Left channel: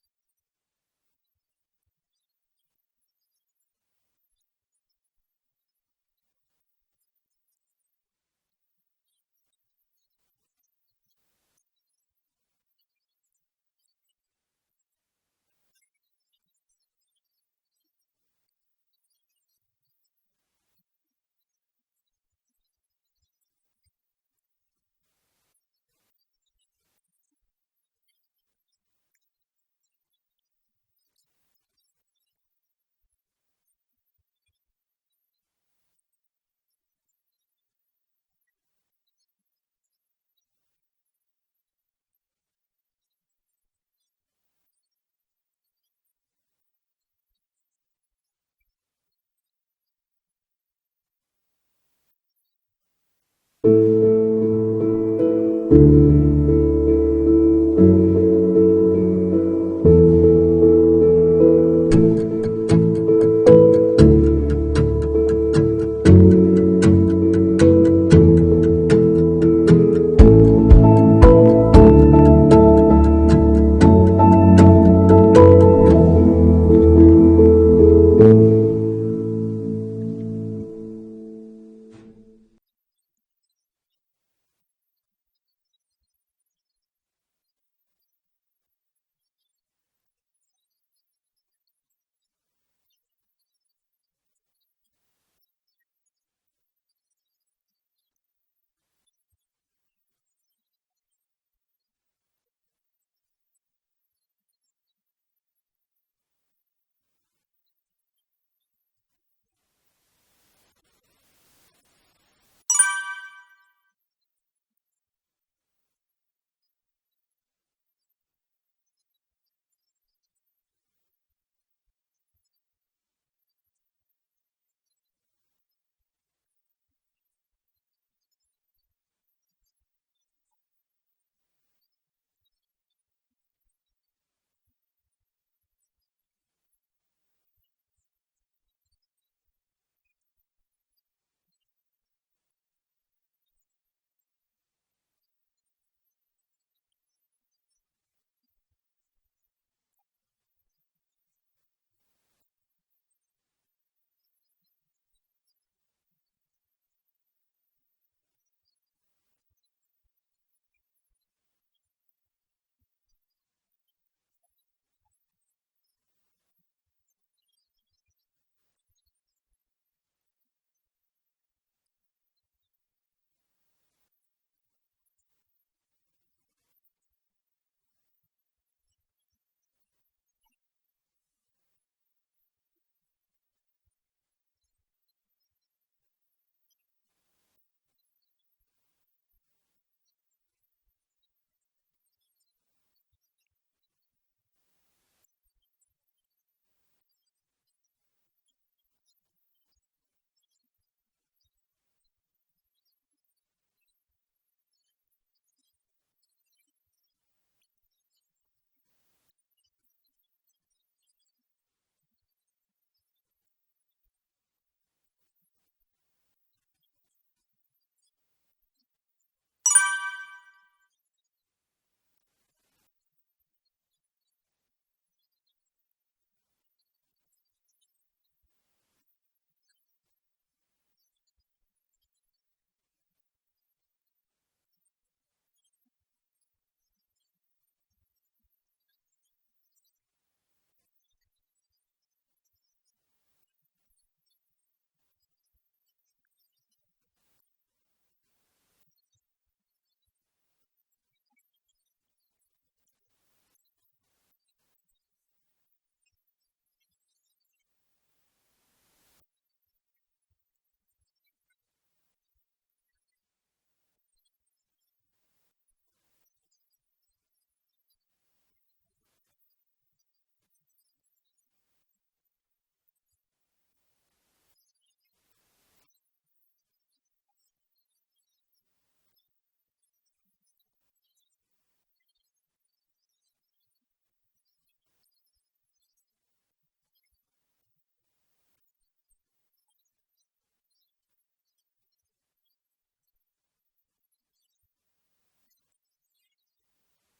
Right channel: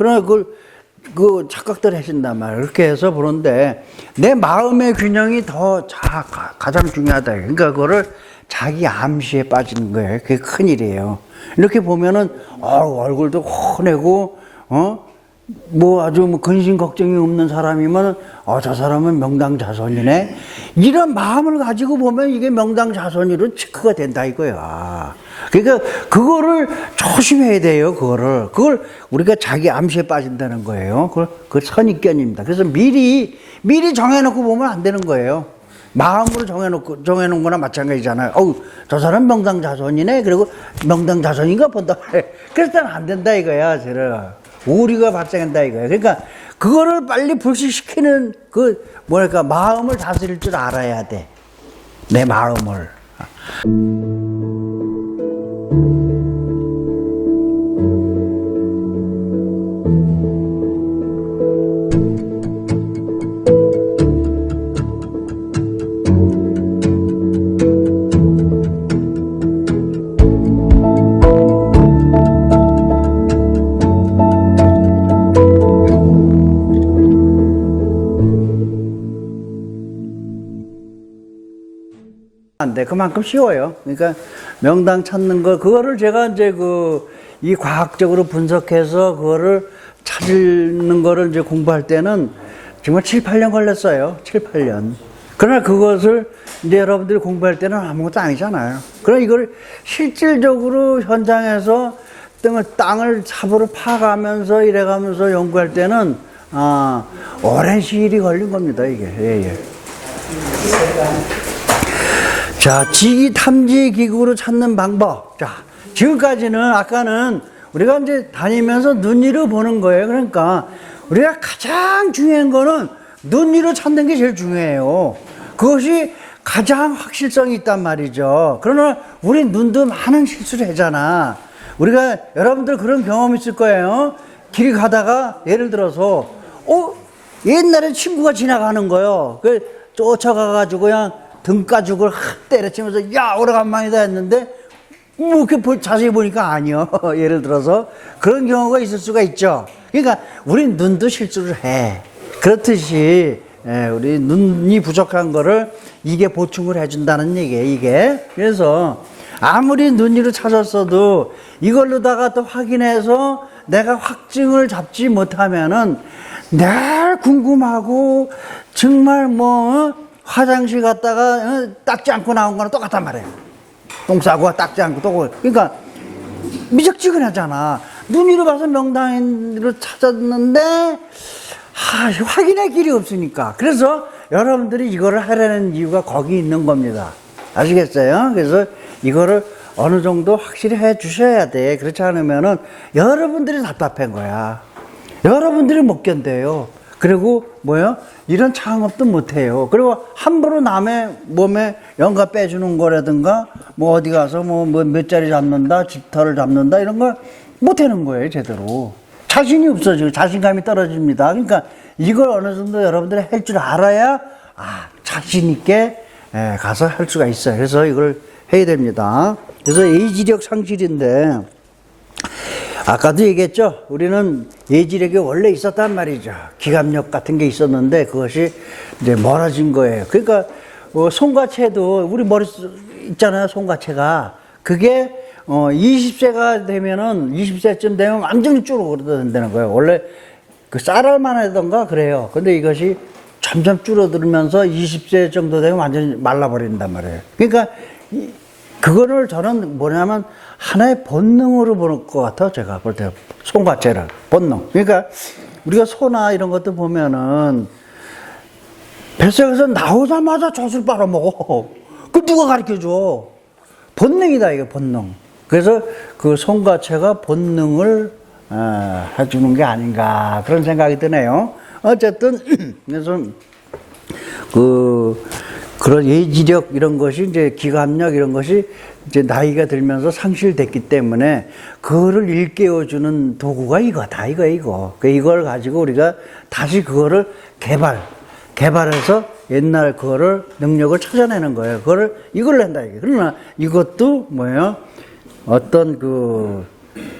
그러나 그 착각들 하신단 말이에요. 그렇게 해서 보는데, 내 마음의 균형이 가장 중요하다. 그러니까 그거를 자기 암시에 빠지는 거예요. 그게 큰일이에요. 이렇게 보면은, 얼굴도 환하고, 뭐 아주 뭐 근심 걱정이 없는 사람이면, 저 사람은 명당자손이네. 이런 마음을 가지고 보면 이게 명당자손으로 체크가 된다 이거야. 그러니까 그거를 조심해야 돼요. 그걸 우리가 자기 암시에 빠진다는 거예요. 그걸 선입견입니다. 그래서 미리 정해놓고 보면 안 되는 거예요. 마음으로 정해놓은 거나 마찬가지잖아요. 저 사람 명당자손이네. 그리고 명당자손인가 본다. 그럴 때는 안 된다 이거야. 오류가 발생한다 이거야. 그러니까 그거를 빨리 불식시키는 마음을 다스릴 줄 알아야 돼. 내 마음을. 안 돼. 그만큼 쉬워요. 그러니까 명당 찾는 그거를 제가 이제 이 과학적으로 분석해서 그거를 찾는 거를 이제 공부할 때는 정말 7, 8년 걸렸어요. 7, 8년. 그러나 그것을 이제 여러분들이 공부할 때는 아무것도 아니잖아요. 그러나 이걸 실질적으로 현장에서 땅을 삽으로 파가면서 이래가면서 연구할 때는, 오랜 시일이 걸린 겁니다, 이게. 예. 자, 지기 탐지 기구로 찾는 방법. 자, 지금까지는 아까는 우리가 이제 다니면서 눈 위로 보는 거예요. 그러니까 우리가 가장 중요한 거는 눈 위로 찾는 게 제일 중요해요. 그것이 가장 확실성이 있단 말이죠. 그러나 우리 눈도 많은 실수를 하잖아. 우리가 여러분들 그런 경험 있을 거예요. 길 가다가 예를 들어서 옛날에 친구가 지나가는 거예요. 쫓아가가지고 그냥 등 가죽을 때려치면서 오래간만이다 했는데 이렇게 자세히 보니까 아니요. 예를 들어서 그런 경우가 있을 수가 있죠. 그러니까 우리 눈도 실수를 해. 그렇듯이 우리 눈이 부족한 거를 이게 보충을 해준다는 얘기예요. 이게. 그래서 아무리 눈 위로 찾았어도 이걸로다가 또 확인해서 내가 확증을 잡지 못하면은 늘 궁금하고 정말 화장실 갔다가 닦지 않고 나온 거랑 똑같단 말이에요. 똥 싸고 닦지 않고 그러니까 미적지근하잖아. 눈 위로 봐서 명당으로 찾았는데 확인할 길이 없으니까. 그래서 여러분들이 이거를 하려는 이유가 거기 있는 겁니다. 아시겠어요? 그래서 이거를 어느 정도 확실히 해 주셔야 돼. 그렇지 않으면은 여러분들이 답답한 거야. 여러분들이 못 견뎌요. 그리고 이런 창업도 못해요. 그리고 함부로 남의 몸에 연가 빼주는 거라든가 어디 가서 몇 자리 잡는다, 집터를 잡는다 이런 걸 못하는 거예요. 제대로. 자신이 없어지고 자신감이 떨어집니다. 그러니까 이걸 어느 정도 여러분들이 할 줄 알아야 자신 있게 가서 할 수가 있어요. 그래서 이걸 해야 됩니다. 그래서 예지력 상실인데 아까도 얘기했죠. 우리는 예지력이 원래 있었단 말이죠. 기갑력 같은 게 있었는데 그것이 이제 멀어진 거예요. 그러니까 손과체도 우리 머리 있잖아요. 손과체가 그게 20세가 되면은 20세쯤 되면 완전히 줄어든다는 거예요. 원래 쌀알만 하던가 그래요. 근데 이것이 점점 줄어들면서 20세 정도 되면 완전히 말라버린단 말이에요. 그러니까 그거를 저는 뭐냐면 하나의 본능으로 보는 것 같아요. 제가 볼 때 손과체를 본능. 그러니까 우리가 소나 이런 것도 보면은 뱃속에서 나오자마자 젖을 빨아먹어. 그 누가 가르쳐줘? 본능이다 이게 본능. 그래서 그 손과체가 본능을 해주는 게 아닌가 그런 생각이 드네요. 어쨌든 그래서 그런 예지력 이런 것이 이제 기관력 이런 것이 이제 나이가 들면서 상실됐기 때문에 그거를 일깨워주는 도구가 이거다 이거. 이걸 가지고 우리가 다시 그거를 개발해서 옛날 그거를 능력을 찾아내는 거예요. 이걸 낸다 이게. 그러나 이것도 어떤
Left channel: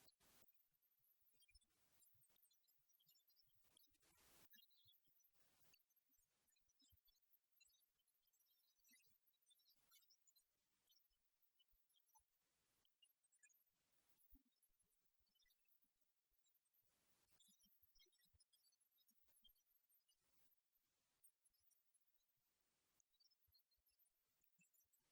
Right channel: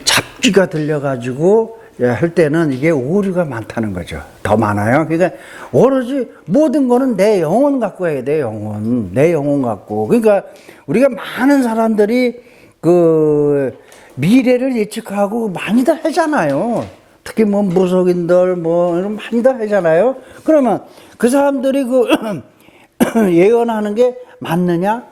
잡기가 들려가지고 할 때는 이게 오류가 많다는 거죠. 더 많아요. 그러니까 오로지 모든 거는 내 영혼 갖고 해야 돼, 영혼. 내 영혼 갖고. 그러니까 우리가 많은 사람들이 그 미래를 예측하고 많이들 하잖아요. 특히 뭐 무속인들 뭐 많이들 하잖아요. 그러면 그 사람들이 그 예언하는 게 맞느냐?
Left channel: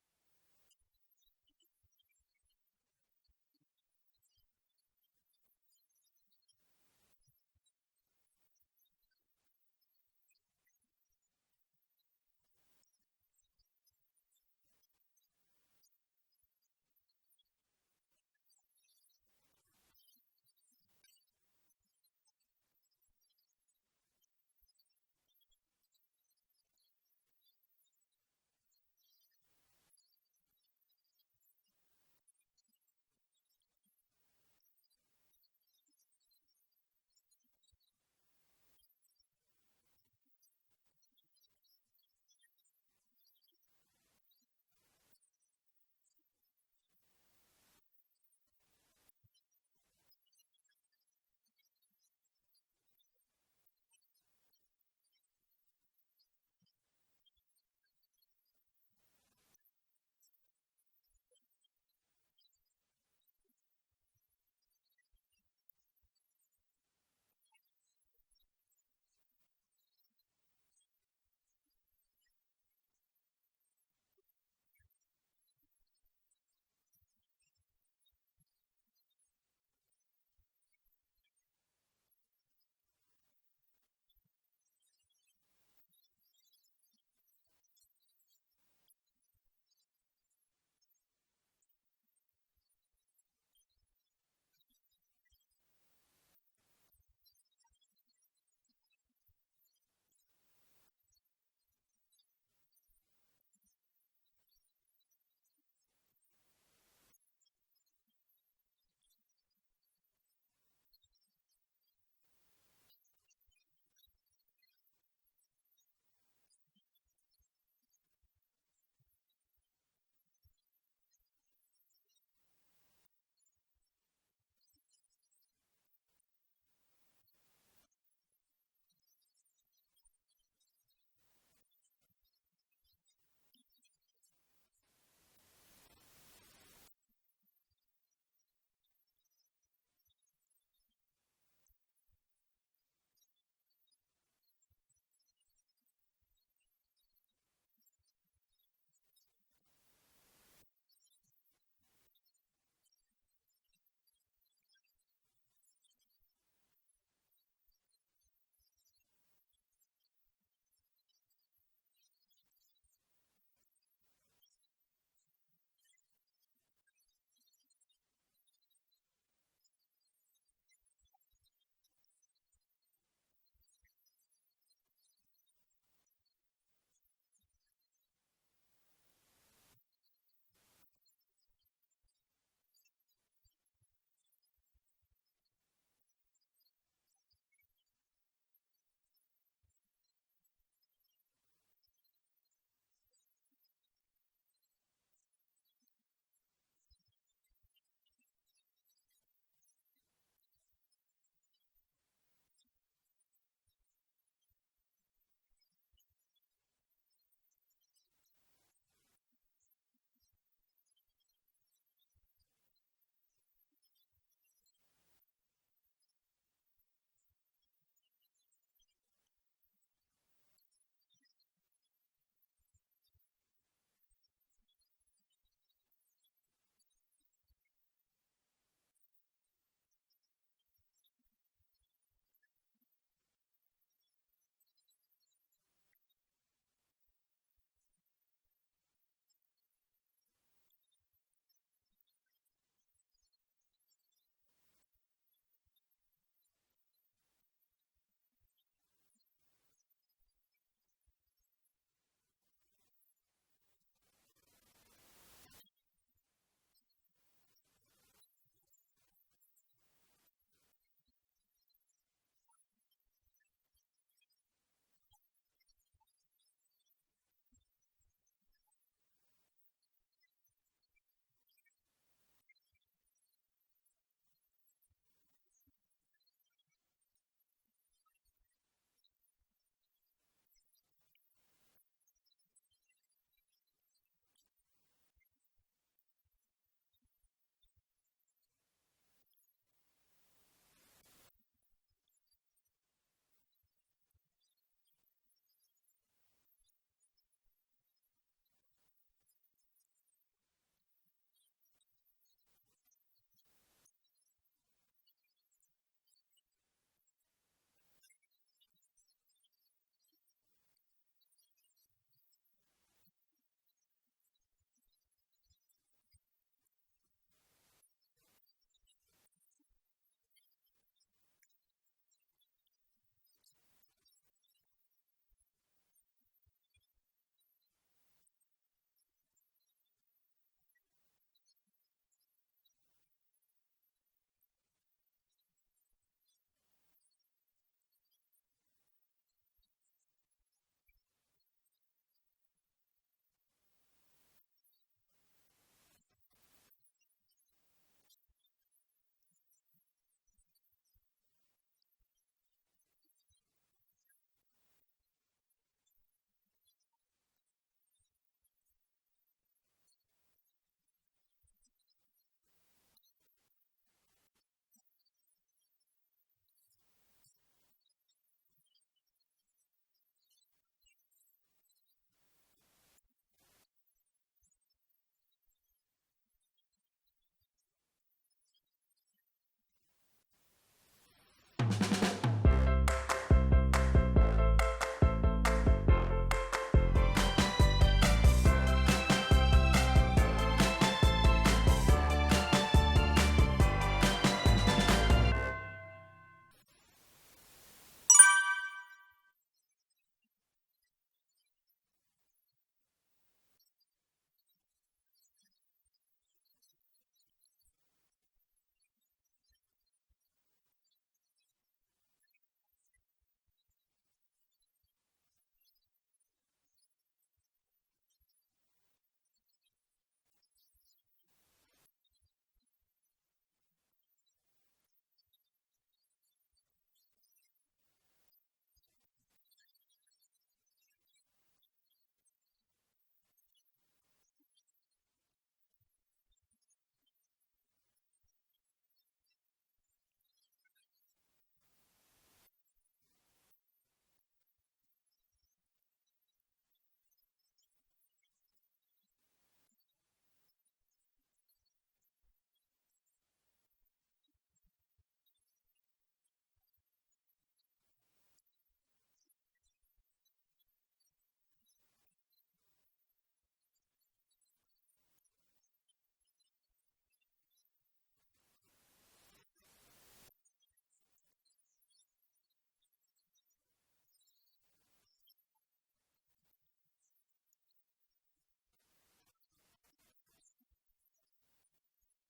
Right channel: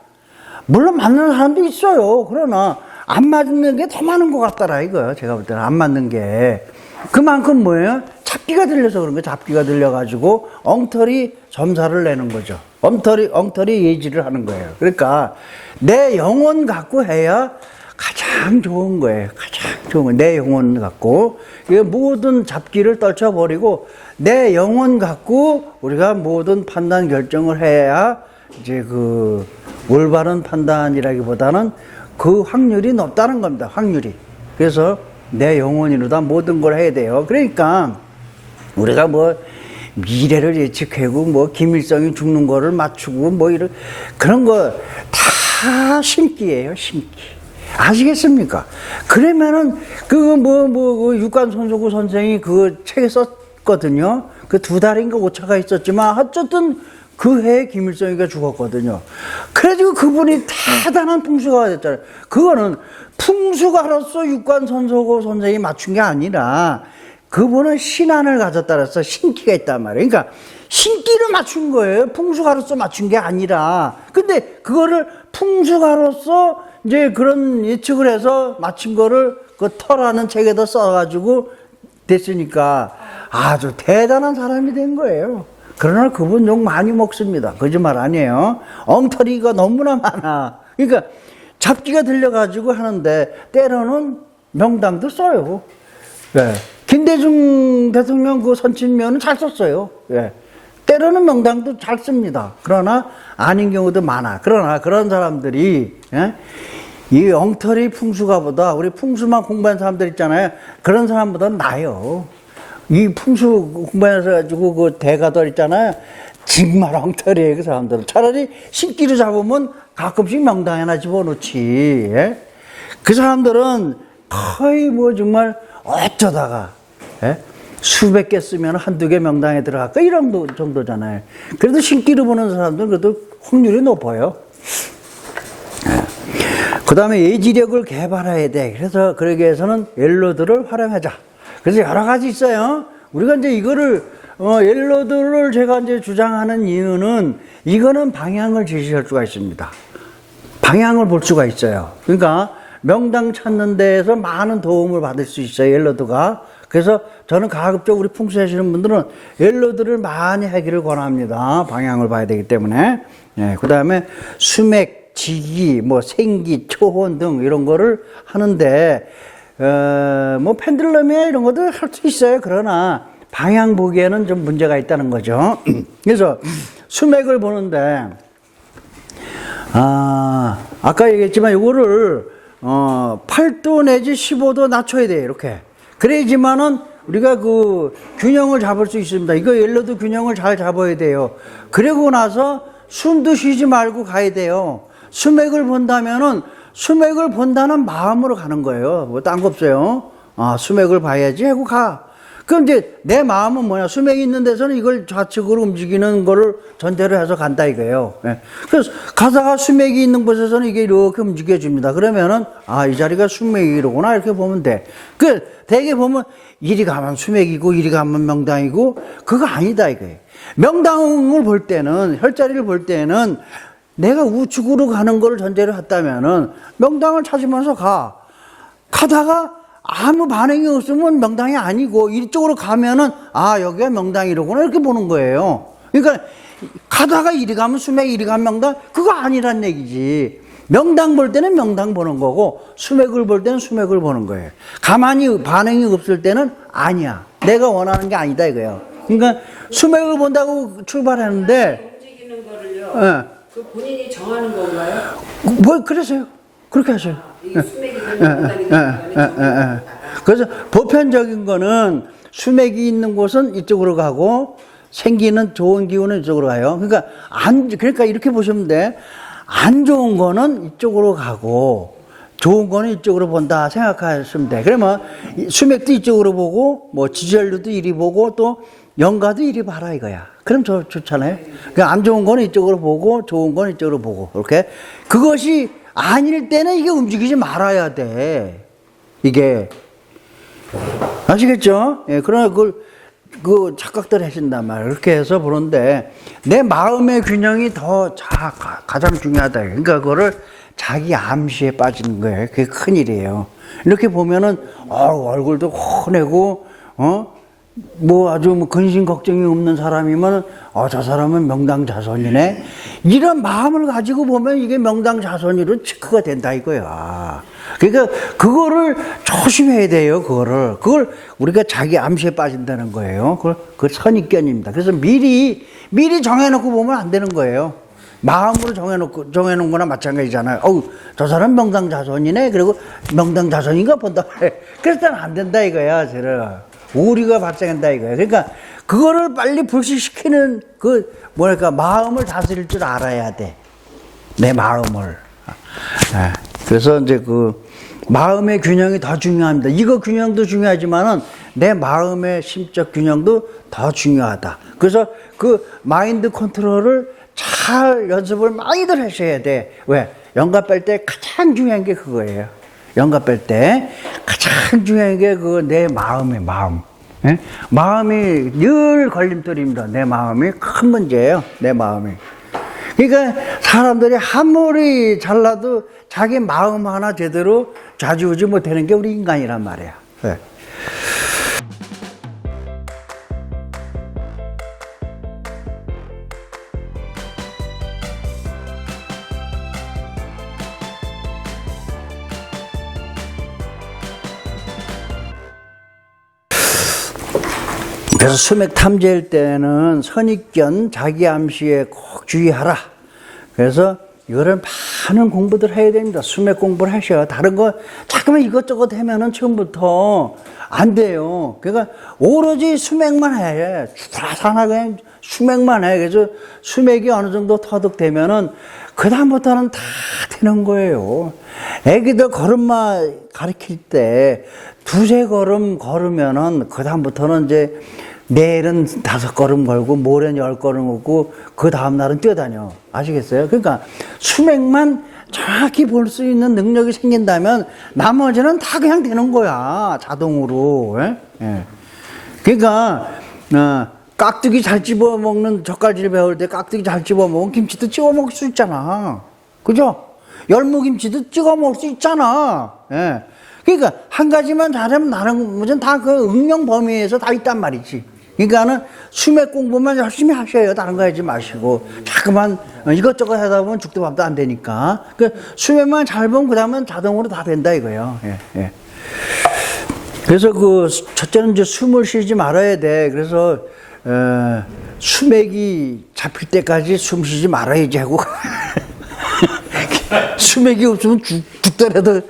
물론 맞는 사람도 있어요. 그러나 안 맞는 게 더 많은 것 같더라 이거요. 제가 볼 때는 안 맞는 게 그만큼 뭐예요? 잡기가 들려서 그런 거예요. 잡기가 들려가지고 엉터리 점사를 내는 거죠. 엉터리 예지를 하는 거예요. 그러니까 내 영혼 갖고 해야 가장 좋은 거예요. 가장 좋은 거예요. 내 영혼 갖고 모든 잡기를 떨쳐버리고 내 영혼 갖고 우리가 모든 판단 결정을 해야 이제 그 올바른 판단이라기보다는 그 확률이 높다는 겁니다. 확률이. 그래서 내 영혼이로다 모든 걸 해야 돼요. 그러니까 우리가 뭐 미래를 예측하고 뭐 김일성이 죽는 거를 맞추고 뭐 이런 그런 거 다 심기예요. 심기. 아시겠습니까? 그러면은 그 육관손소구 선생이 그 책에 썼거든요. 그 2달인가 오차가 있었지만 어쨌든 그 해에 김일성이가 죽었거든요. 그래가지고 그분이 대단한 풍수가가 됐잖아요. 그거는 풍수가로서 육관손소구 선생이 맞춘 게 아니라 그분은 신안을 가졌다 그래서 신기가 있단 말이에요. 그러니까 신기를 맞춘 거예요. 풍수가로서 맞춘 게 아니라. 근데 그거를 풍수가로서 이제 그런 예측을 해서 맞춘 거를 그 터라는 책에다 써가지고 됐으니까 아주 대단한 사람이 된 거예요. 그러나 그분 욕 많이 먹습니다. 거짓말 아니에요. 엉터리가 너무나 많아. 그러니까 잡기가 들려가지고 하는데 때로는 명당도 써요. 예. 김대중 대통령 그 선친면은 잘 썼어요. 예. 때로는 명당도 잘 씁니다. 그러나 아닌 경우도 많아. 그러나 그런 사람들이 예? 이 엉터리 풍수가보다 우리 풍수만 공부한 사람들 있잖아요. 그런 사람보다 나아요. 이 풍수 공부해서 가지고 그 대가들 있잖아요. 정말 엉터리예요, 그 사람들은. 차라리 신기루 잡으면 가끔씩 명당에 하나 집어넣지. 예? 그 사람들은 거의 뭐 정말 어쩌다가 예? 수백 개 쓰면 한두 개 명당에 들어갈까 이런 정도잖아요. 그래도 신기루 보는 사람들은 그래도 확률이 높아요. 그 다음에 예지력을 개발해야 돼. 그래서 그러기 위해서는 옐로드를 활용하자. 그래서 여러 가지 있어요. 우리가 이제 이거를, 옐로드를 제가 이제 주장하는 이유는 이거는 방향을 제시할 수가 있습니다. 방향을 볼 수가 있어요. 그러니까 명당 찾는 데에서 많은 도움을 받을 수 있어요. 옐로드가. 그래서 저는 가급적 우리 풍수하시는 분들은 옐로드를 많이 하기를 권합니다. 방향을 봐야 되기 때문에. 네, 그 다음에 수맥, 지기, 뭐 생기, 초혼 등 이런 거를 하는데 뭐 펜들럼이나 이런 것도 할 수 있어요. 그러나 방향 보기에는 좀 문제가 있다는 거죠. 그래서 수맥을 보는데 아까 얘기했지만 이거를 8도 내지 15도 낮춰야 돼요. 이렇게. 그래야지만은 우리가 그 균형을 잡을 수 있습니다. 이거 옐로드 균형을 잘 잡아야 돼요. 그러고 나서 숨도 쉬지 말고 가야 돼요. 수맥을 본다면은 수맥을 본다는 마음으로 가는 거예요. 뭐 딴 거 없어요. 수맥을 봐야지 하고 가. 그럼 이제 내 마음은 뭐냐? 수맥이 있는 데서는 이걸 좌측으로 움직이는 거를 전제로 해서 간다 이거예요. 예. 그래서 가다가 수맥이 있는 곳에서는 이게 이렇게 움직여집니다. 그러면은 이 자리가 수맥이로구나 이렇게 보면 돼. 대개 보면 이리 가면 수맥이고 이리 가면 명당이고 그거 아니다 이거예요. 명당을 볼 때는 혈자리를 볼 때는 내가 우측으로 가는 걸 전제로 했다면은 명당을 찾으면서 가다가 아무 반응이 없으면 명당이 아니고 이쪽으로 가면은 여기가 명당이로구나 이렇게 보는 거예요. 그러니까 가다가 이리 가면 수맥 이리 가면 명당 그거 아니란 얘기지. 명당 볼 때는 명당 보는 거고 수맥을 볼 때는 수맥을 보는 거예요. 가만히 반응이 없을 때는 아니야. 내가 원하는 게 아니다 이거예요. 그러니까 수맥을 본다고 출발했는데 움직이는 거를요. 예. 그 본인이 정하는 건가요? 뭐 그러세요. 그렇게 하세요. 이게 수맥이 되는 그래서 보편적인 거는 수맥이 있는 곳은 이쪽으로 가고 생기는 좋은 기운은 이쪽으로 가요. 그러니까 이렇게 보시면 돼. 안 좋은 거는 이쪽으로 가고 좋은 거는 이쪽으로 본다 생각하시면 돼. 그러면 수맥도 이쪽으로 보고 뭐 지지혈류도 이리 보고 또 영가도 이리 봐라 이거야. 그럼 좋잖아요. 그러니까 안 좋은 거는 이쪽으로 보고 좋은 거는 이쪽으로 보고 이렇게. 그것이 아닐 때는 이게 움직이지 말아야 돼. 이게 아시겠죠? 예, 그러나 그 착각들 하신단 말이에요. 그렇게 해서 보는데 내 마음의 균형이 더 가장 중요하다. 그러니까 그거를 자기 암시에 빠지는 거예요. 그게 큰일이에요. 이렇게 보면은 얼굴도 환하고 뭐 아주 뭐 근심 걱정이 없는 사람이면 저 사람은 명당자손이네. 이런 마음을 가지고 보면 이게 명당자손으로 체크가 된다 이거야. 그러니까 그거를 조심해야 돼요. 그걸 우리가 자기 암시에 빠진다는 거예요. 그걸 선입견입니다. 그래서 미리 정해놓고 보면 안 되는 거예요. 마음으로 정해놓은 거나 마찬가지잖아요. 저 사람 명당자손이네. 그리고 명당자손인가 본다. 그랬더니 안 된다 이거야. 오류가 발생한다 이거야. 그러니까 그거를 빨리 불식시키는 마음을 다스릴 줄 알아야 돼. 내 마음을. 그래서 이제 마음의 균형이 더 중요합니다. 이거 균형도 중요하지만은 내 마음의 심적 균형도 더 중요하다. 그래서 마인드 컨트롤을 잘 연습을 많이들 하셔야 돼. 왜? 영감 뺄 때 가장 중요한 게 그거예요. 영감 뺄 때 가장 중요한 게 내 마음의 마음. 예? 마음이 늘 걸림돌입니다. 내 마음이 큰 문제예요. 내 마음이. 그러니까 사람들이 아무리 잘나도 자기 마음 하나 제대로 좌지우지 못하는 게 우리 인간이란 말이야. 예. 그래서 수맥 탐지할 때는 선입견, 자기 암시에 꼭 주의하라. 그래서 이거를 많은 공부들 해야 됩니다. 수맥 공부를 하셔야. 다른 거 자꾸만 이것저것 하면은 처음부터 안 돼요. 그러니까 오로지 수맥만 해. 주라산하게 수맥만 해. 그래서 수맥이 어느 정도 터득되면은 그다음부터는 다 되는 거예요. 애기들 걸음마 가르칠 때 두세 걸음 걸으면은 그다음부터는 이제 내일은 5걸음 걸고 모레는 10걸음 걷고 그 다음날은 뛰어다녀. 아시겠어요? 그러니까 수맥만 정확히 볼 수 있는 능력이 생긴다면 나머지는 다 그냥 되는 거야. 자동으로. 예? 그러니까 깍두기 잘 집어먹는 젓갈질 배울 때 깍두기 잘 집어먹으면 김치도 찍어 먹을 수 있잖아. 그죠? 열무김치도 찍어 먹을 수 있잖아. 예. 그러니까 한 가지만 잘하면 다른 것은 다 그 응용 범위에서 다 있단 말이지. 그러니까는 수맥 공부만 열심히 하셔요. 다른 거 하지 마시고 자꾸만 이것저것 하다 보면 죽도 밥도 안 되니까. 그 수맥만 잘 보면 그다음은 자동으로 다 된다 이거예요. 예. 그래서 첫째는 이제 숨을 쉬지 말아야 돼. 그래서 수맥이 잡힐 때까지 숨 쉬지 말아야지 하고 수맥이 없으면 죽더라도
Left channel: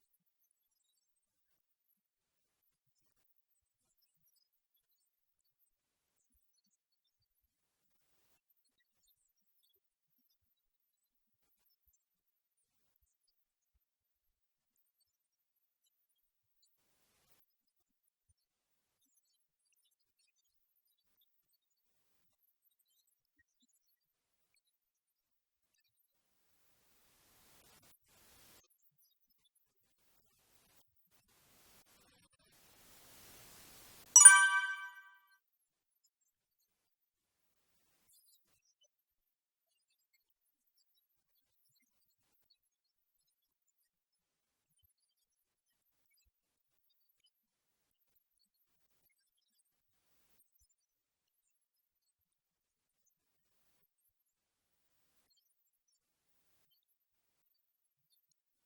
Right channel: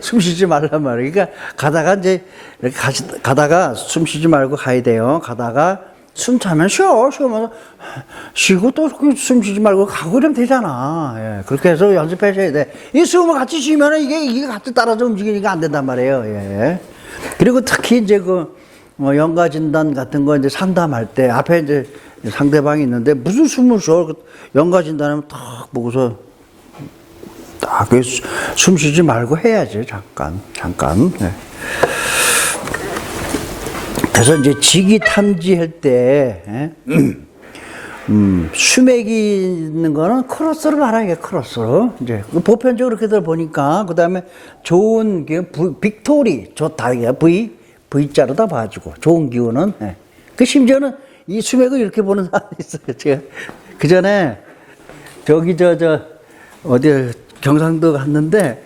숨 쉬지 말란 말이에요. 그러니까 가다가 이제 이렇게 가다가 숨 쉬지 말고 가야 돼요. 가다가 숨 차면 쉬면서 쉬고 또 숨 쉬지 말고 가고 그러면 되잖아. 예, 그렇게 해서 연습하셔야 돼. 이 숨을 같이 쉬면은 이게 같이 따라서 움직이니까 안 된단 말이에요. 예. 그리고 특히 이제 연가 진단 같은 거 이제 상담할 때 앞에 이제 상대방이 있는데 무슨 숨을 쉬어? 연가 진단하면 딱 보고서 딱 숨 쉬지 말고 해야지. 잠깐. 네. 그래서 이제 직위 탐지할 때 수맥이 있는 거는 크로스로 말하게 크로스로 이제 보편적으로 그렇게들 보니까 그 다음에 좋은 빅토리 좋다 이게 V자로 다 봐주고 좋은 기운은 그 심지어는 이 수맥을 이렇게 보는 사람이 있어요. 제가 그 전에 저기 어디 경상도 갔는데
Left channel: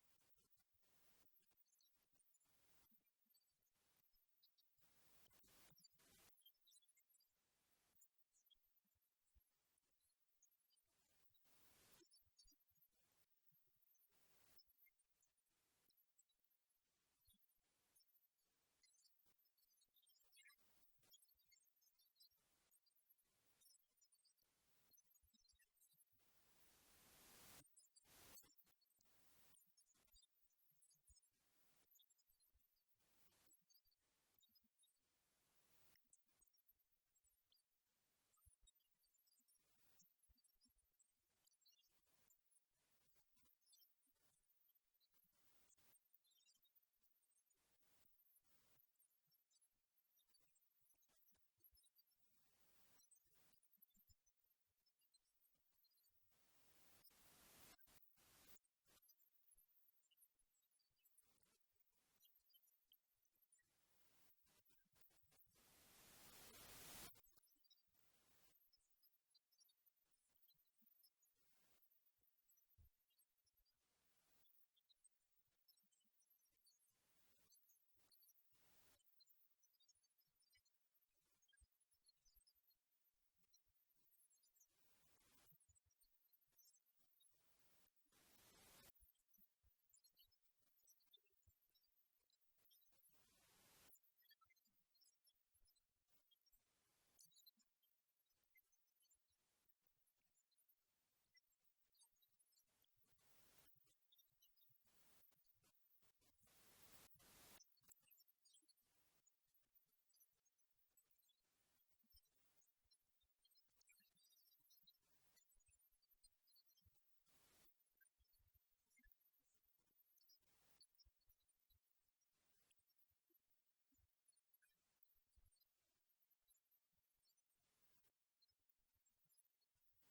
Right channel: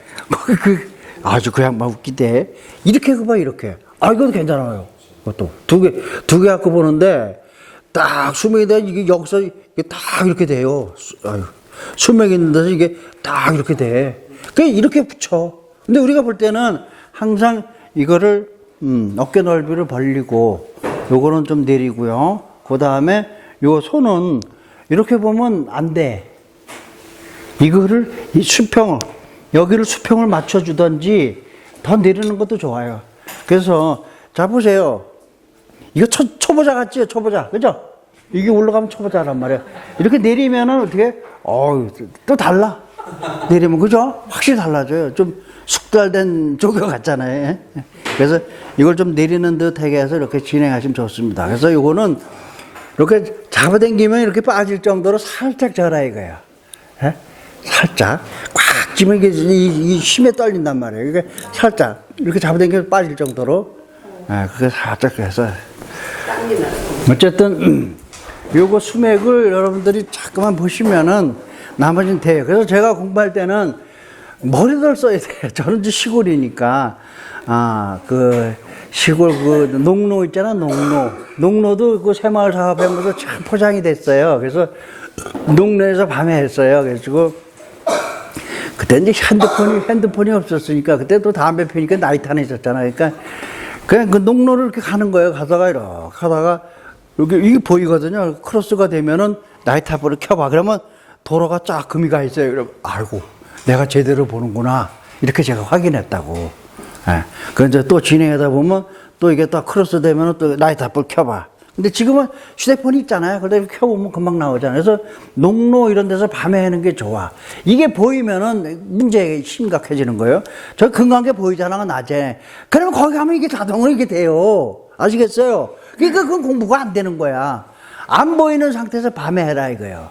아주 그 양반 웃기대. 이렇게 봐 이렇게. 이건 괜찮아요. 그것도 두 개 갖고 보는데 딱 수맥에 대한 이게 여기서 이게 딱 이렇게 돼요. 수맥이 있는 데서 이게 딱 이렇게 돼. 그냥 이렇게 붙여. 근데 우리가 볼 때는 항상 이거를 어깨 넓이를 벌리고 요거는 좀 내리고요. 그 다음에 요 손은 이렇게 보면 안 돼. 이거를 이 수평 여기를 수평을 맞춰주든지 더 내리는 것도 좋아요. 그래서 자 보세요. 이거 초보자 같지요? 초보자. 그죠? 이게 올라가면 초보자란 말이에요. 이렇게 내리면은 어떻게? 또 달라. 내리면 그죠? 확실히 달라져요. 좀 숙달된 조교 같잖아요. 그래서 이걸 좀 내리는 듯하게 해서 이렇게 진행하시면 좋습니다. 그래서 이거는 이렇게 잡아당기면 이렇게 빠질 정도로 살짝 져라 이거야. 예? 살짝 꽉 쥐면 이게 이 힘에 떨린단 말이에요. 이게 살짝 이렇게 잡아당기면 빠질 정도로, 예, 그게 살짝 해서. 땀이 나요. 어쨌든 요거 수맥을 여러분들이 자꾸만 보시면은 나머지는 돼요. 그래서 제가 공부할 때는 머리를 써야 돼요. 저는 이제 시골이니까 그 시골 그 농로 있잖아, 농로도 그 새마을 사업하면서 참 포장이 됐어요. 그래서 농로에서 밤에 했어요. 그래가지고 그때 이제 핸드폰이 없었으니까 그때 또 담배 피니까 나이트 하나 있었잖아요. 그러니까 그냥 그 농로를 이렇게 가는 거예요. 가다가 이렇게 하다가 여기 이게 보이거든요. 크로스가 되면은 나이트 한번을 켜봐. 그러면 도로가 쫙 금이 가 있어요. 그럼 아이고 내가 제대로 보는구나 이렇게 제가 확인했다고. 예. 그 이제 또 진행하다 보면 또 이게 또 크로스 되면은 또 나이트 한번 켜봐. 근데 지금은 휴대폰이 있잖아요. 그래서 켜보면 금방 나오잖아요. 그래서 농로 이런 데서 밤에 하는 게 좋아. 이게 보이면은 문제 심각해지는 거예요. 저 금강계 보이잖아, 낮에. 그러면 거기 가면 이게 자동으로 이게 돼요. 아시겠어요? 그러니까 그건 공부가 안 되는 거야. 안 보이는 상태에서 밤에 해라 이거예요.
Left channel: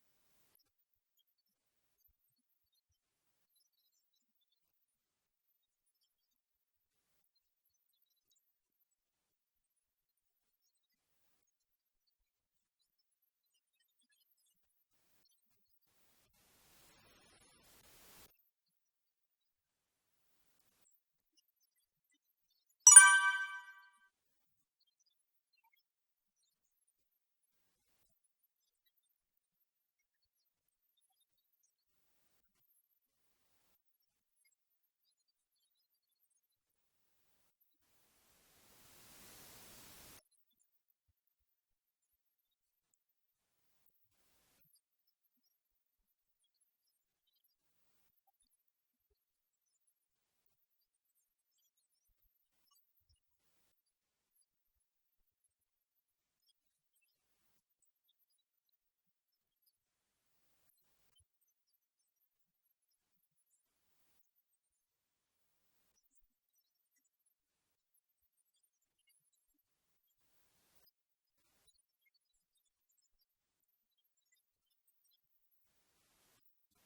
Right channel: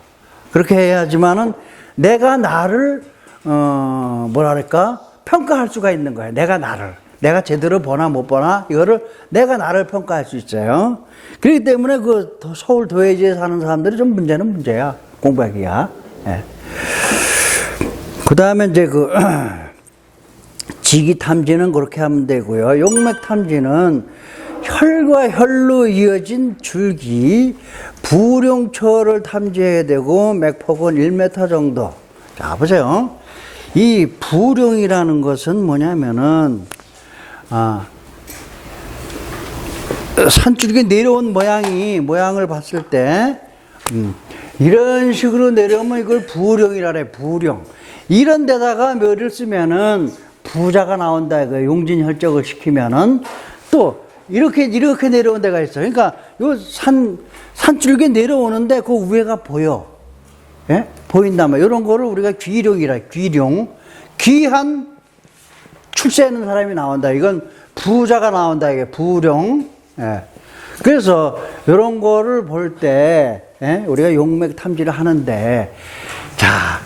그렇게 해야지만은 내가 나를, 뭐랄까, 평가할 수가 있는 거예요. 내가 제대로 보나 못 보나, 이거를 내가 나를 평가할 수 있어요. 그렇기 때문에 그 서울 도회지에 사는 사람들이 좀 문제야. 공부하기가. 예. 그 다음에 이제 그, 지기 탐지는 그렇게 하면 되고요. 용맥 탐지는 혈과 혈로 이어진 줄기, 부룡초를 탐지해야 되고, 맥폭은 1m 정도. 자, 보세요. 이 부룡이라는 것은 뭐냐면은, 산줄기 내려온 모양을 봤을 때, 이런 식으로 내려오면 이걸 부룡이라 그래, 부룡. 이런 데다가 묘를 쓰면은 부자가 나온다, 이거 용진혈적을 시키면은 또 이렇게 내려온 데가 있어요. 그러니까 요 산줄기 내려오는데 그 위에가 보여. 예? 보인단 말이에요. 이런 거를 우리가 귀룡이라, 귀룡. 귀한 출세하는 사람이 나온다. 이건 부자가 나온다. 이게 부룡. 예. 그래서 이런 거를 볼 때, 예? 우리가 용맥 탐지를 하는데, 자,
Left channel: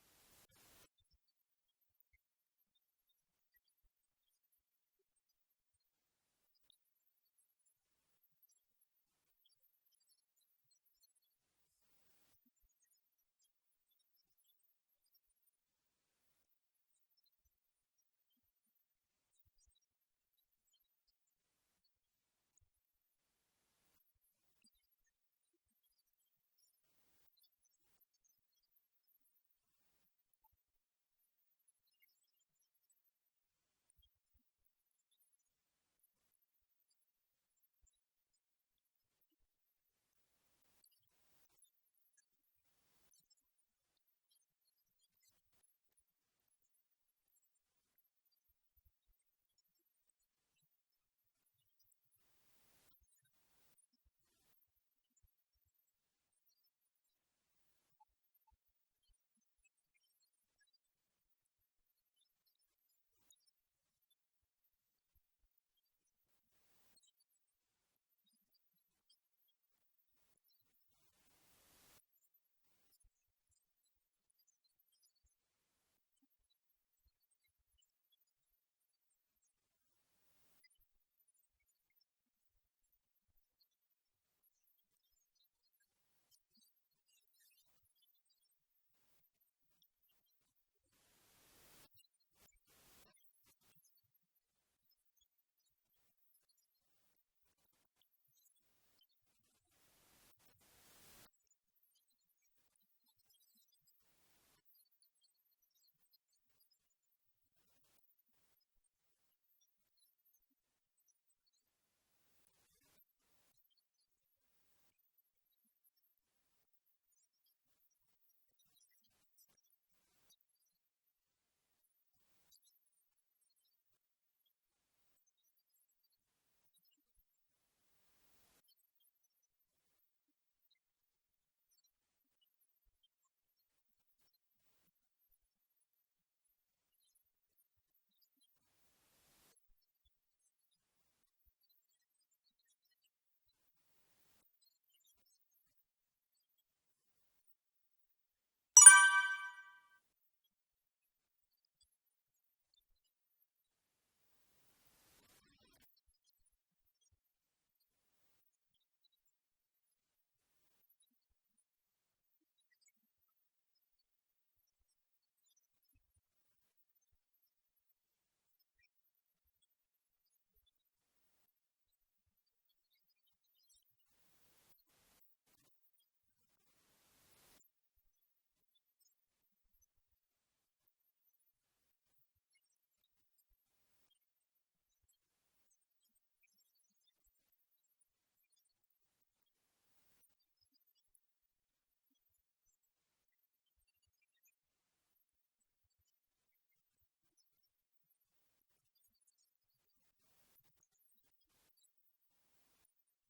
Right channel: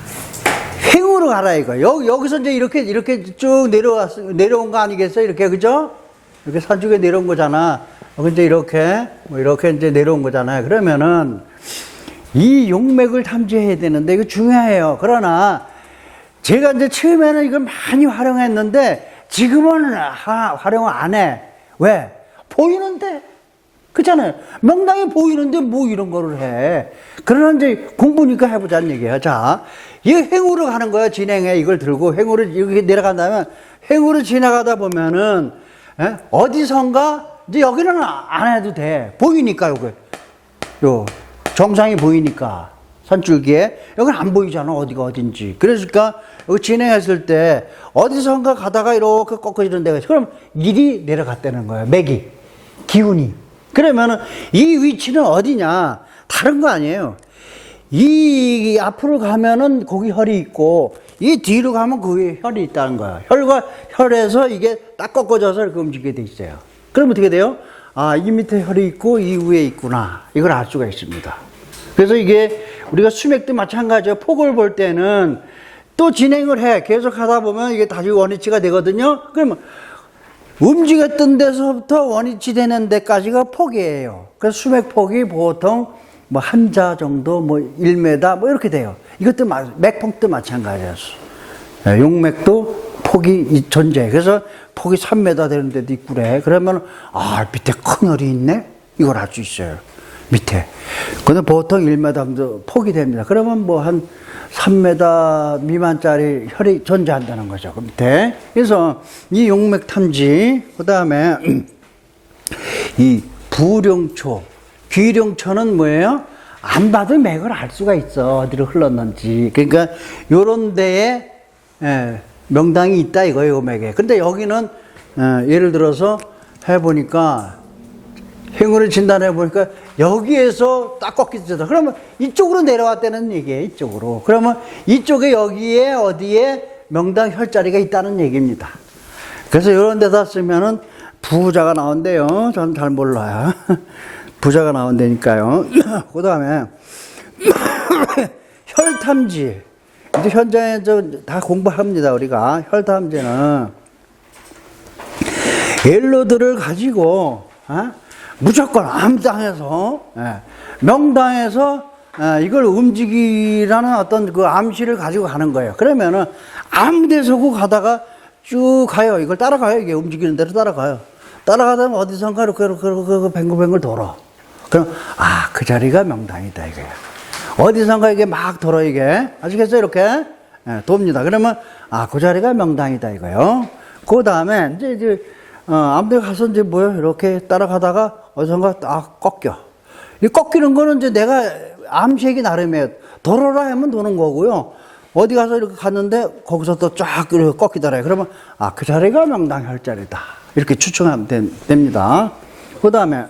횡으로 가라 이거. 여기서 이제 이렇게 쭉 내려온 거 아니겠어요? 이렇게, 그죠? 이렇게 산쪽에 내려온 거잖아. 이제 이렇게 이제 내려온 거잖아요. 그러면은, 이 용맥을 탐지해야 되는데, 이거 중요해요. 그러나, 제가 이제 처음에는 이걸 많이 활용했는데, 지금은 활용을 안 해. 왜? 보이는데. 그렇잖아요. 명당이 보이는데 뭐 이런 거를 해. 그러나 이제 공부니까 해보자는 얘기예요. 자, 이 횡으로 가는 거야. 진행해. 이걸 들고 횡으로 이렇게 내려간다면, 횡으로 지나가다 보면은, 예? 어디선가, 이제 여기는 안 해도 돼. 보이니까, 정상이 보이니까. 산줄기에. 여기는 안 보이잖아. 어디가 어딘지. 그러니까, 여기 진행했을 때, 어디선가 가다가 이렇게 꺾어지는 데가 있어. 그럼 일이 내려갔다는 거예요. 맥이. 기운이. 그러면은 이 위치는 어디냐? 다른 거 아니에요. 이 앞으로 가면은 거기 혈이 있고, 이 뒤로 가면 거기 혈이 있다는 거야. 혈과 혈에서 이게 딱 꺾어져서 이렇게 움직이게 돼 있어요. 그럼 어떻게 돼요? 이 밑에 혈이 있고, 이 위에 있구나. 이걸 알 수가 있습니다. 그래서 이게 우리가 수맥도 마찬가지예요. 폭을 볼 때는 또 진행을 해. 계속 하다 보면 이게 다시 원위치가 되거든요. 그러면 움직였던 데서부터 원위치 되는 데까지가 폭이에요. 그래서 수맥폭이 보통 뭐 한자 정도, 뭐 1m 뭐 이렇게 돼요. 이것도 맥폭도 마찬가지였어. 용맥도 폭이 존재해. 그래서 폭이 3m 되는 데도 있고 그래. 그러면 밑에 큰 혈이 있네? 이걸 알 수 있어요. 밑에. 근데 보통 1m 정도 폭이 됩니다. 그러면 뭐 한 3m 미만짜리 혈이 존재한다는 거죠. 그 밑에. 그래서 이 용맥 탐지, 그 다음에 이 부룡초, 귀룡초는 뭐예요? 안 봐도 맥을 알 수가 있어. 어디로 흘렀는지. 그러니까 요런 데에 명당이 있다 이거예요, 요맥에. 근데 여기는 예를 들어서 해보니까 행운을 진단해 보니까 여기에서 딱 꺾이잖아. 그러면 이쪽으로 내려왔다는 얘기예요, 이쪽으로. 그러면 이쪽에 여기에 어디에 명당 혈자리가 있다는 얘기입니다. 그래서 이런 데다 쓰면은 부자가 나온대요. 저는 잘 몰라요. 부자가 나온다니까요. 그 다음에 혈탐지. 이제 현장에 다 공부합니다, 우리가. 혈탐지는 옐로드를 가지고 무조건 암당에서 명당에서 이걸 움직이라는 어떤 그 암시를 가지고 가는 거예요. 그러면은 아무 데서고 가다가 쭉 가요. 이걸 따라가요. 이게 움직이는 대로 따라가요. 따라가다 보면 어디선가 이렇게 뱅글뱅글 돌아. 그럼 그 자리가 명당이다 이거야. 어디선가 이게 막 돌아 이게. 아시겠어요? 이렇게 돕니다. 그러면 그 자리가 명당이다 이거요. 그 다음에 이제 아무 데 가서 이제 뭐요? 이렇게 따라가다가 어디선가 딱 꺾여. 이 꺾이는 거는 이제 내가 암시하기 나름이에요. 돌아라 하면 도는 거고요. 어디 가서 이렇게 갔는데 거기서 또 쫙 이렇게 꺾이더래요. 그러면 그 자리가 명당 혈자리다. 이렇게 추측하면 됩니다. 그 다음에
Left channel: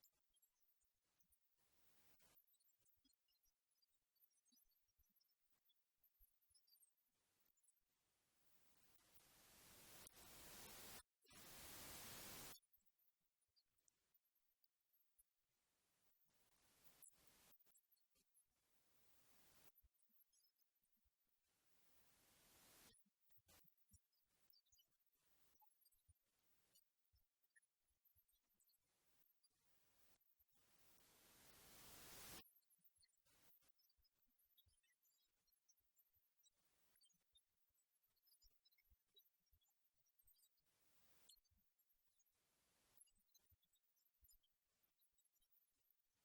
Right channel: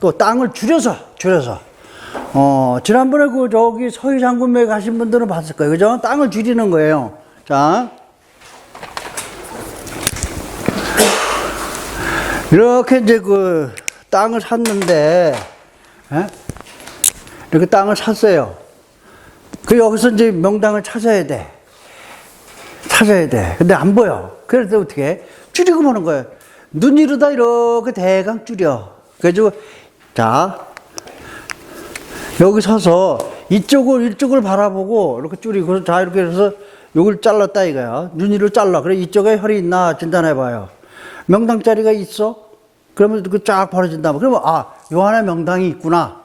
또 땅을 줄여서. 지난번에 저기 서희장군묘에 가신 분들은 봤을 거예요. 그죠? 땅을 줄이는 거예요. 자. 이렇게 이제 그 땅을 샀는데, 이렇게 땅을 샀어요. 여기서 이제 명당을 찾아야 돼. 근데 안 보여. 그래서 어떻게 해? 줄이고 보는 거예요. 눈이로다 이렇게 대강 줄여. 그래가지고, 자, 여기 서서 이쪽을 바라보고 이렇게 줄이고, 자, 이렇게 해서 여기를 잘랐다 이거야. 눈이를 잘라. 그래, 이쪽에 혈이 있나 진단해봐요. 명당 자리가 있어? 그러면 그 쫙 벌어진다. 그러면 요 안에 명당이 있구나.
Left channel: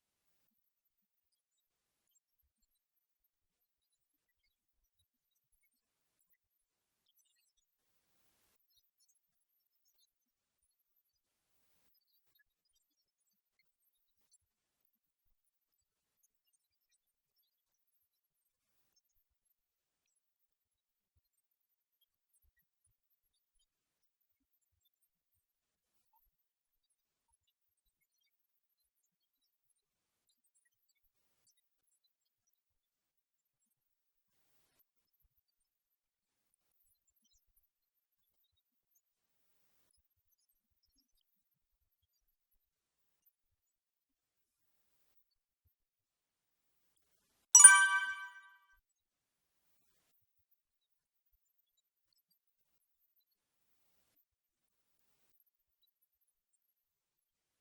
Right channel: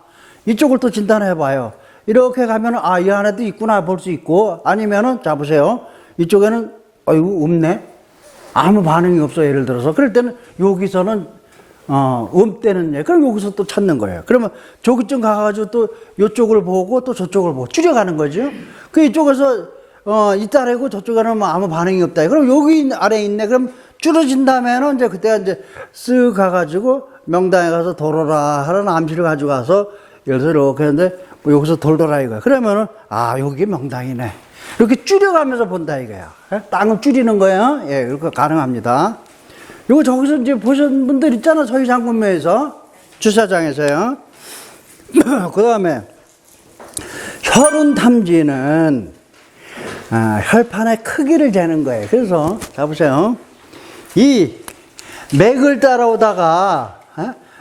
이쪽을 또 진단해봐요. 이렇게 가면은 이 안에도 있구나 볼 수 있고, 아니면은 자 보세요. 이쪽에는 이거 없네. 아무 반응이 없어. 예를 들어서 그럴 때는 여기서는 없대는 얘. 그럼 여기서 또 찾는 거예요. 그러면 저기쯤 가가지고 또 이쪽을 보고 또 저쪽을 보고 줄여가는 거죠. 그 이쪽에서 있다래고 저쪽에는 뭐 아무 반응이 없다. 그럼 여기 아래에 있네. 그럼 줄어진다면은 이제 그때가 이제 쓱 가가지고 명당에 가서 돌아라 하는 암시를 가지고 가서 예를 들어서 이렇게 했는데 여기서 돌더라 이거야. 그러면은 여기 명당이네. 이렇게 줄여가면서 본다 이거야. 땅을 줄이는 거예요. 예, 이렇게 가능합니다. 요거 저기서 이제 보신 분들 있잖아. 서희장군묘에서 주차장에서요. 그 다음에 혈운탐지는 혈판의 크기를 재는 거예요. 그래서 자 보세요. 이 맥을 따라오다가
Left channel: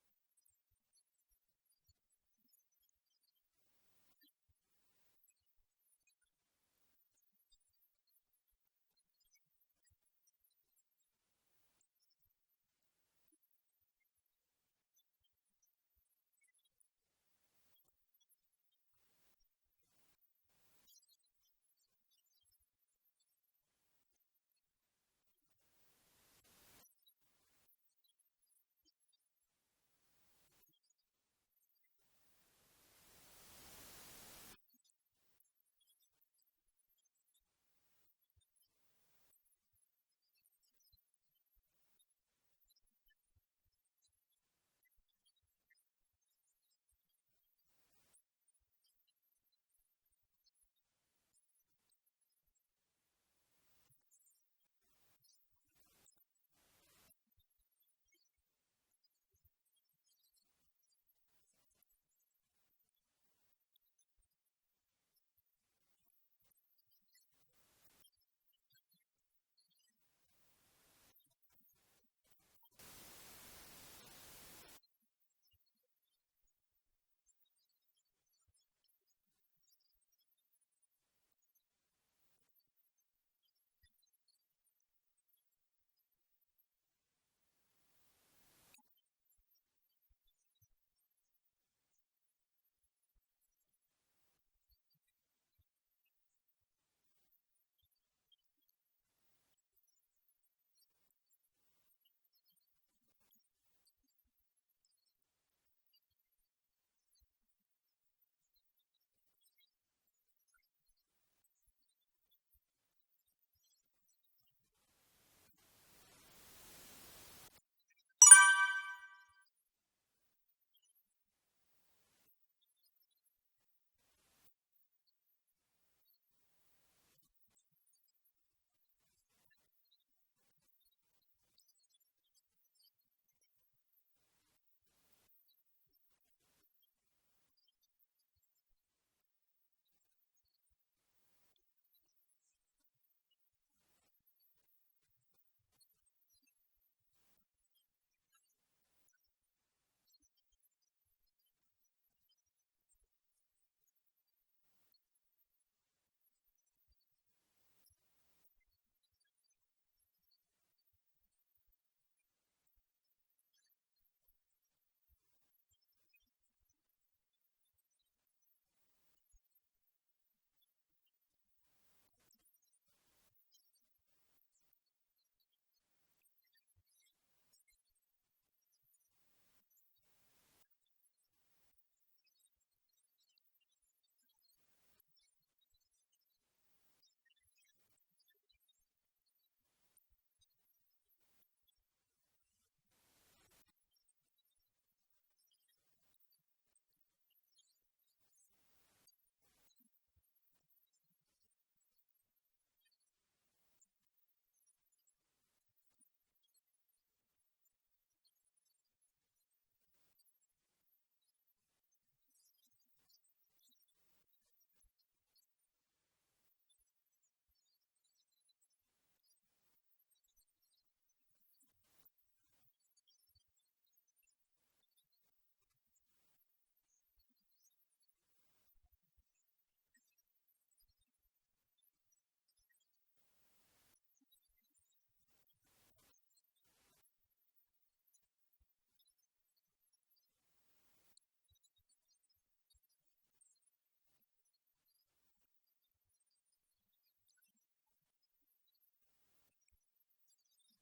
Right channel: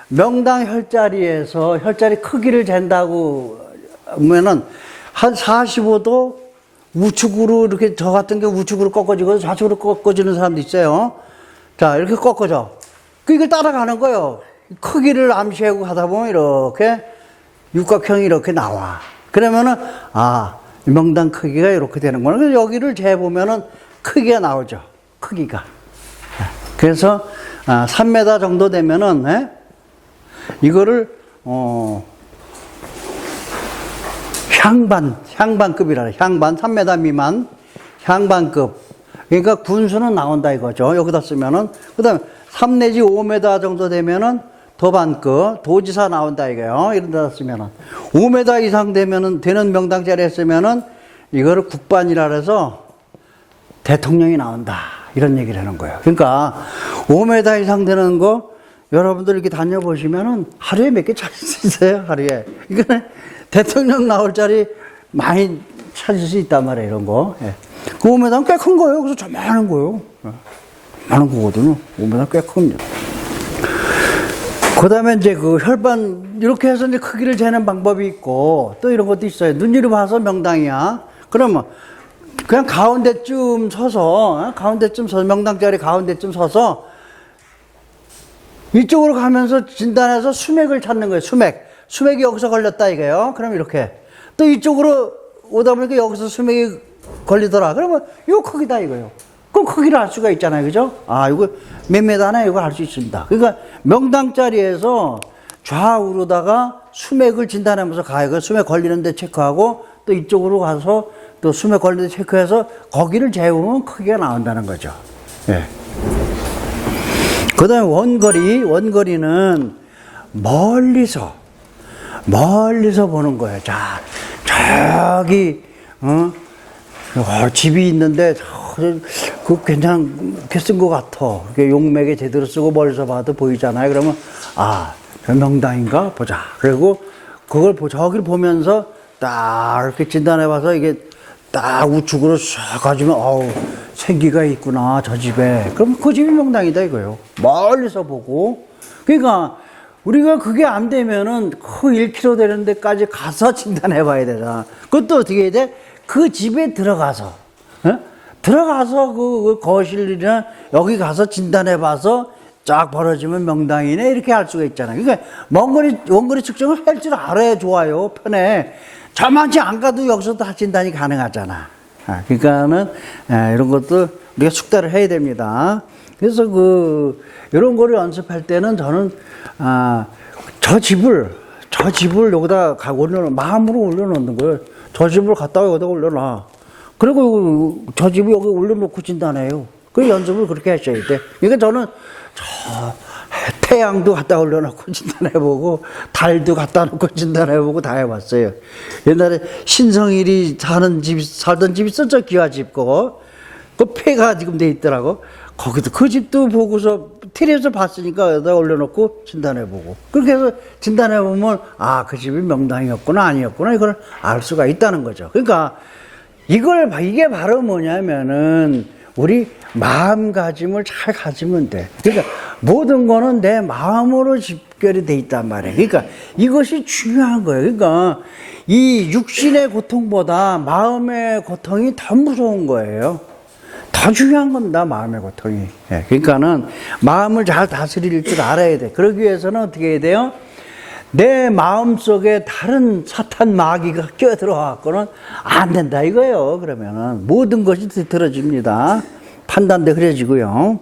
명당 혈자리에서 혈자리 크기를 잰다고 하면은 한 45도 우측으로 이렇게 저 같은 게 우측으로 꺾어지고 좌측으로 꺾어지는 사람도 있어요. 자, 이렇게 꺾어져. 이걸 따라가는 거예요. 크기를 암시하고 가다 보면 이렇게 육각형이 이렇게 나와. 그러면은 명당 크기가 이렇게 되는구나. 그래서 여기를 재보면은 크기가 나오죠. 크기가. 그래서 3m 정도 되면은 이거를 향반급이라 향반 3m 미만 향반급. 그러니까 군수는 나온다 이거죠. 여기다 쓰면은 그다음에 3 내지 5m 정도 되면은 도반급 도지사 나온다 이거요. 이런 데다 쓰면은 5m 이상 되는 명당 자리에 쓰면은 이거를 국반이라 해서 대통령이 나온다. 이런 얘기를 하는 거예요. 그러니까 5m 이상 되는 거 여러분들 이렇게 다녀보시면은 하루에 몇 개 찾을 수 있어요. 하루에. 이거는 대통령 나올 자리 많이 찾을 수 있단 말이에요. 이런 거. 예. 그 5m는 꽤 큰 거예요. 그래서 좀 많은 거예요. 많은 거거든요. 5m 꽤 큽니다. 그 다음에 이제 그 혈반, 이렇게 해서 이제 크기를 재는 방법이 있고, 또 이런 것도 있어요. 눈으로 봐서 명당이야. 그러면 그냥 가운데쯤 서서, 명당 자리 가운데쯤 서서, 이쪽으로 가면서 진단해서 수맥을 찾는 거예요. 수맥이 여기서 걸렸다 이거예요. 그럼 이렇게. 또 이쪽으로 오다 보니까 여기서 수맥이 걸리더라. 그러면 요 크기다 이거예요. 그 크기를 알 수가 있잖아요. 그죠? 이거 몇 메다나 이거 알 수 있습니다. 그러니까 명당 자리에서 좌우로다가 수맥을 진단하면서 가요. 그 수맥 걸리는데 체크하고 또 이쪽으로 가서 또 수맥 관리도 체크해서 거기를 재우면 크기가 나온다는 거죠. 예. 그 다음에 원거리는 멀리서 보는 거예요. 자, 저기, 집이 있는데, 그 괜찮게 쓴 것 같아. 용맥에 제대로 쓰고 멀리서 봐도 보이잖아요. 그러면, 아, 저 명당인가? 보자. 그리고 그걸 저기를 보면서 딱 이렇게 진단해 봐서 이게 딱 우측으로 쫙 가지면, 어우, 생기가 있구나, 저 집에. 그럼 그 집이 명당이다 이거예요. 멀리서 보고. 그러니까, 우리가 그게 안 되면은 그 1km 되는 데까지 가서 진단해 봐야 되잖아. 그것도 어떻게 해야 돼? 그 집에 들어가서, 들어가서 그 거실이나 여기 가서 진단해 봐서 쫙 벌어지면 명당이네. 이렇게 할 수가 있잖아요. 그러니까 원거리 측정을 할 줄 알아야 좋아요. 편해. 저만치 안 가도 여기서 다 진단이 가능하잖아. 그러니까는, 이런 것도 우리가 숙달을 해야 됩니다. 그래서 이런 거를 연습할 때는 저는, 저 집을 여기다 마음으로 올려놓는 거예요. 저 집을 갖다가 여기다 올려놔. 그리고 저 집을 여기 올려놓고 진단해요. 그 연습을 그렇게 하셔야 돼. 그러니까 저는 태양도 갖다 올려놓고 진단해보고, 달도 갖다 놓고 진단해보고 다 해봤어요. 옛날에 신성일이 살던 집 있었죠? 기와집 그 폐가 지금 돼 있더라고. 거기도 그 집도 보고서 TV에서 봤으니까 여기다 올려놓고 진단해보고, 그렇게 해서 진단해보면 그 집이 명당이었구나 아니었구나 이걸 알 수가 있다는 거죠. 그러니까 이게 바로 뭐냐면은 우리 마음가짐을 잘 가지면 돼. 그러니까 모든 거는 내 마음으로 집결이 돼 있단 말이에요. 그러니까 이것이 중요한 거예요. 그러니까 이 육신의 고통보다 마음의 고통이 더 무서운 거예요. 더 중요한 겁니다, 마음의 고통이. 그러니까는 마음을 잘 다스릴 줄 알아야 돼. 그러기 위해서는 어떻게 해야 돼요? 내 마음 속에 다른 사탄 마귀가 끼어들어와갖고는 안 된다 이거예요. 그러면은 모든 것이 들어집니다. 판단도 흐려지고요.